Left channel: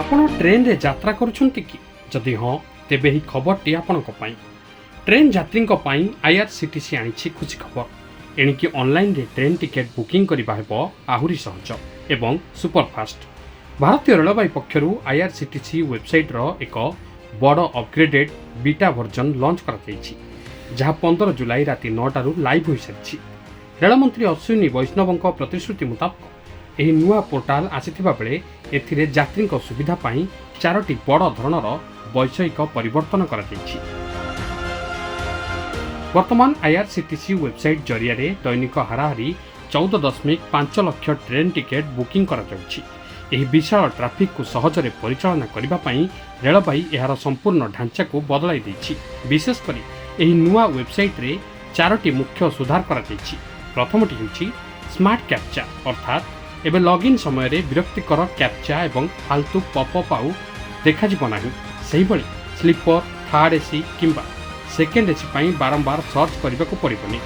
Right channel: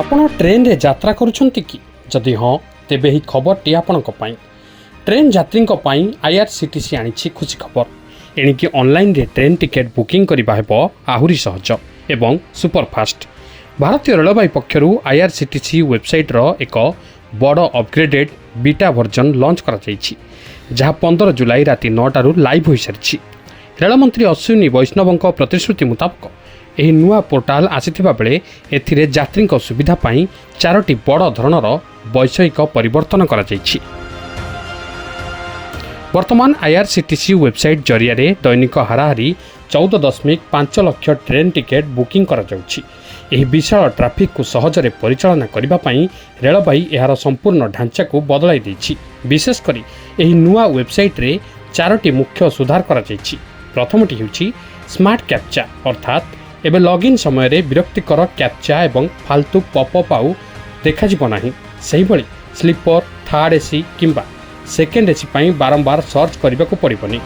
आपण ट्रेन रे यात्रा करुछंती कि जदि हाँ तेबे ही खबरटी आपणक पई ट्रेन यात्री आईआरसीटीसी आनी खुशी खबर एणिकी ऑनलाइन रे ट्रेन टिकेट बुकिंग करबा हेबो आहुरी सहज एवं सुपरफास्ट। भारतीय रेलवे पक्षर आईआरसीटीसी वेबसाइट रो एक बड़ अपग्रेडेड बीटा वर्जन लॉन्च करा जायछि जहाँ 15 जुलाई राति 9 लाइव हो सारी। रेलमंत्री अश्विनी वैष्णवଙ୍କ प्रतिश्रुति मुताबक यह नुआ पोर्टाल आसीथिबा बेले एथिरे यात्री सुविधा पाई 4टी बड़ धरणर वैषयिक परिवर्तन करा जायछि। वर्तमान आईआरसीटीसी वेबसाइट जरिया दैनिक हाराहारी 14.5 लाख ट्रेन टिकेट बुकिंग करा जाउछि। एही विशाल ट्राफिक को सहजरे परिचालना करिबा पई रेलबाई एहार संपूर्ण ढांचा को बदलाई दैछि। विशेषकर एही नुआ वेबसाइट रे 4टी मुख्य सुधार करा जायछि। प्रथमटी हेउछि स्मार्ट कैप्चा अर्थात एबे लॉगिन समय रे विरक्तिकर कैप्चा एवं फालतू पॉपअप आउ देखा जिवो नाही। सेही भली स्लीपर थर्ड एसी किंबा सेकेंड एसी पई बारंबार सर्च करबा को पड़िबनी।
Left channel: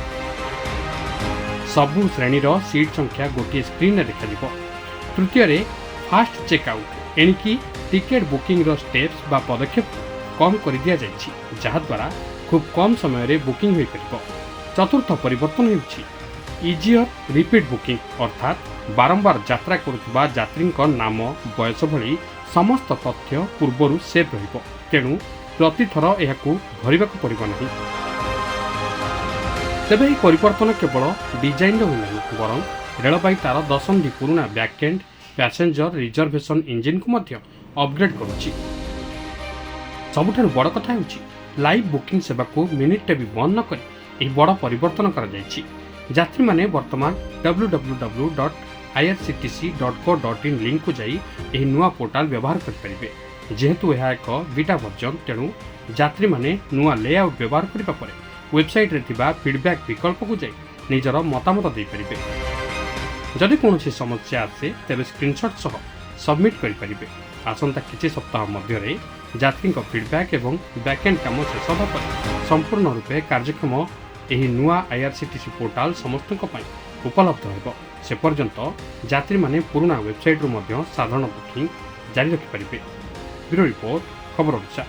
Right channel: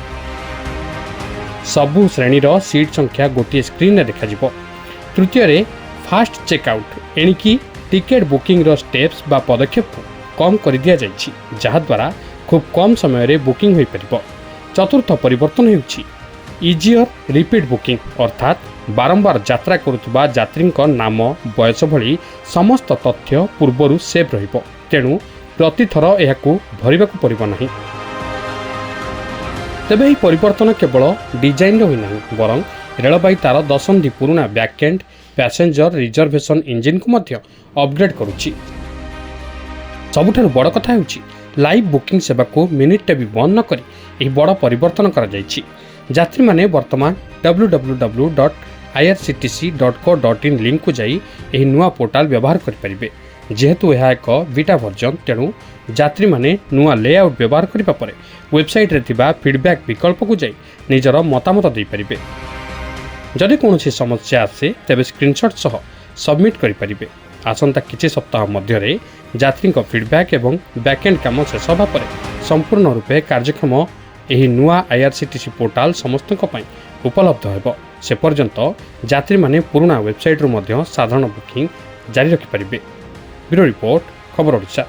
सबु श्रेणीर सीट संख्या गोटे स्क्रीन रे देखा जिवो। तृतीय रे फास्ट चेकआउट एणिकी टिकेट बुकिंग रो स्टेप्स बा पदक्षेप कम कर दिया जायछि जहा द्वारा खूब कम समय रे बुकिंग होई परिबो। चतुर्थ परिवर्तन हेउछि इजियर रिपीट बुकिंग अर्थात बारंबार यात्रा करुवा यात्री नाम बयस भली समस्त तथ्य पूर्वर सेव रहिबो, तेणु प्रतिथर एहाकू भरिबाकू पड़िबो नाही। तेबे ଏହି परिवर्तन केवल डिजाइन होई नाही बरं रेलबाई तार दशंधि पुराना बैकएंड पैसेंजर रिजर्वेशन इंजिन को मध्य अपग्रेड करुछि। सबुठारु बड़ कथा हेउछि लाइव बुकिंग सेवा को मिनिटे भी बंद न करी एही बड़ परिवर्तन करा जायछि। यात्री माने वर्तमान www.irctc.co.in लिंक को जाई एही नुआ पोर्टाल व्यवहार करि परिबे। जेहेतु यह एक बीटा वर्जन तेणु यात्री माने नुआ लेआउट व्यवहार करिबा परे वेबसाइट रे थिबा फीडबैक विकल्प को जाई निजर मतामत दे परिबे। जदि कोनोसी समस्या आसे तेबे स्क्रीनशॉट सह सबमिट करि परिबे। आसंता किछि सप्ताह मध्य रे यात्री फीडबैक एवं बैकएंड काम शेष होबा परे संपूर्ण रूपे कार्यक्षम एही नुआ आईआरसीटीसी पोर्टाल समस्तक पई उपलब्ध हेबो। से पर्यंत यात्री माने पुराना वेबसाइट रो मध्य साधारण बुकिंग जारी रखि परिबे। ब्यूरो रिपोर्ट खबर ओडिशा।